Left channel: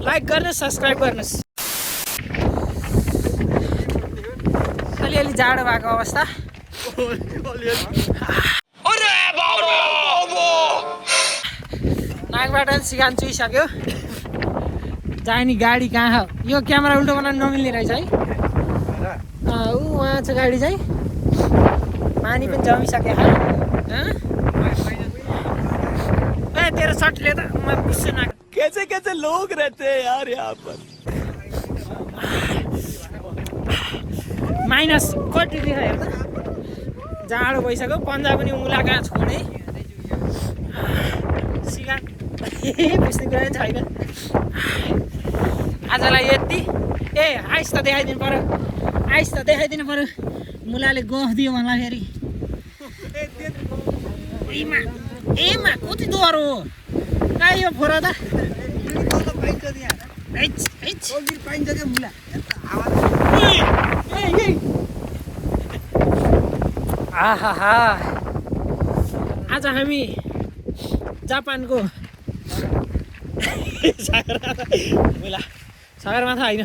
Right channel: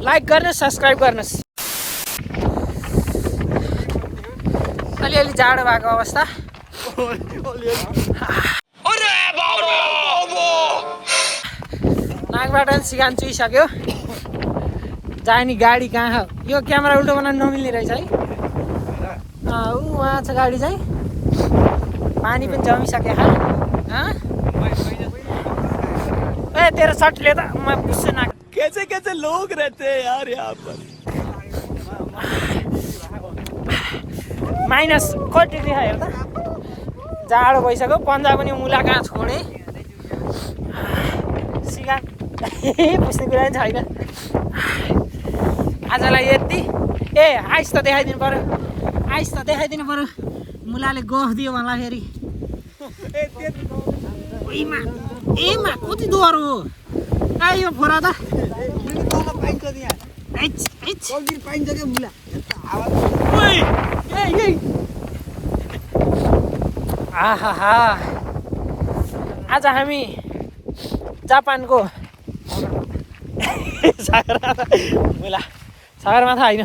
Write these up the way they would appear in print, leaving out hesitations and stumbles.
Like गर्नुहोस् subscribe गर्नुहोस्। अलिअलि जाडो भएको अवस्था। नाकबाट सिगान चुइसक्यो। जाने गाडी कहाँ यो क्यामेरा उल्टो बनाउनु नमिल्ने रहेछ है। उहाँ छ गाडी चाहिँ पानी पनि जमिसक्यो खा। ए तेरो सर्टले त म बुझ्छु ना कैसे कैसे लोग रहते हैं यार यहाँ पर। माइनस कति डिग्री हेर त जाडो भइसक्यो। पन्जा पनि मुला कहाँ छोडे सिगान पुस्ने कुरा पनि छैन। आजलाई यति। ए आइस त देखाइदिनु पर्यो। आइस त देखाइदिनु पर्यो। मुलाले गफ दियो भन्दाखेरि एमा कति डर हो कहाँ यो फोरा त। आहा आज हामी जापानको सगरमाथा होइन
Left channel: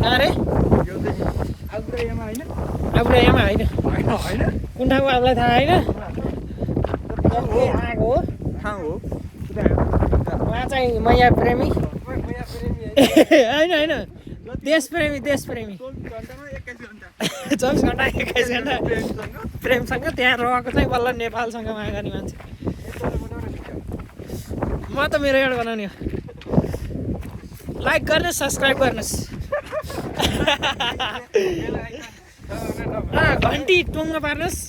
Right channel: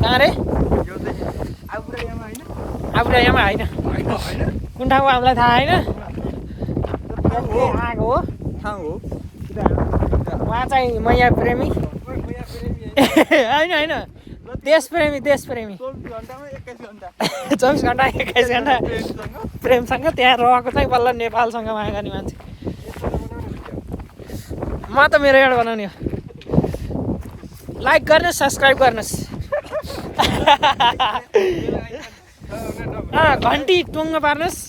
कहाँ रे आबुरायामा होइन कुन ठाउँको हामीलाई थाहा होइन। आएको हो उहाँ चाहिँ मैया प्रेमी होइन देश प्रेमी 24 घन्टा 21 घन्टा प्रेमसँग त्यहाँ रहेको चाहिँ बल्ल नेपालसँग माया गर्ने मान्छे। म त मेरो एउटा बनाउने हो। लाइक गर्नुहोस् सब्सक्राइब गर्नुहोस्। घन्टी टुङ्गो पार्नुहोस्।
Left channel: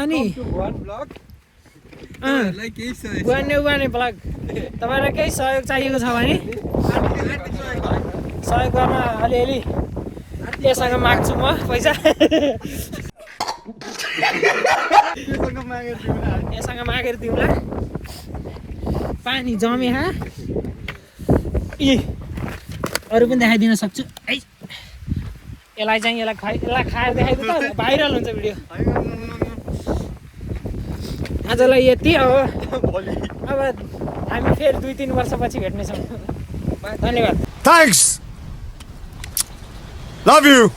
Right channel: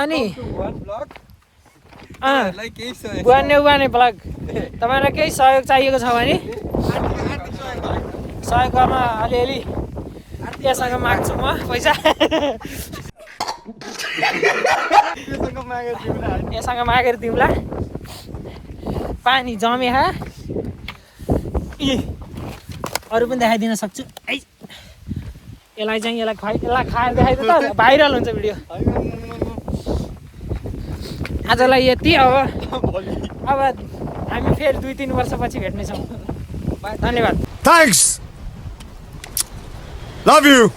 अनि बुहाने ब्लग तपाईँलाई केही सहयोग चाहिएको छ भने सहयोग गर्न अलिअलि यससँग माग्छु म पैसा। यससँग मागेर दिउँला। पानी जमे हा अरू पनि देखाइदिन सक्छु है। यसलाई चाहिँ यसलाई खाएर देखाइदिनु त भाइरल हुन्छ भिडियो। आजलाई यति। अब हामी फेरि 2-3 वर्षपछि भेट्नेछौँ। धन्यवाद। Thanks. Love you.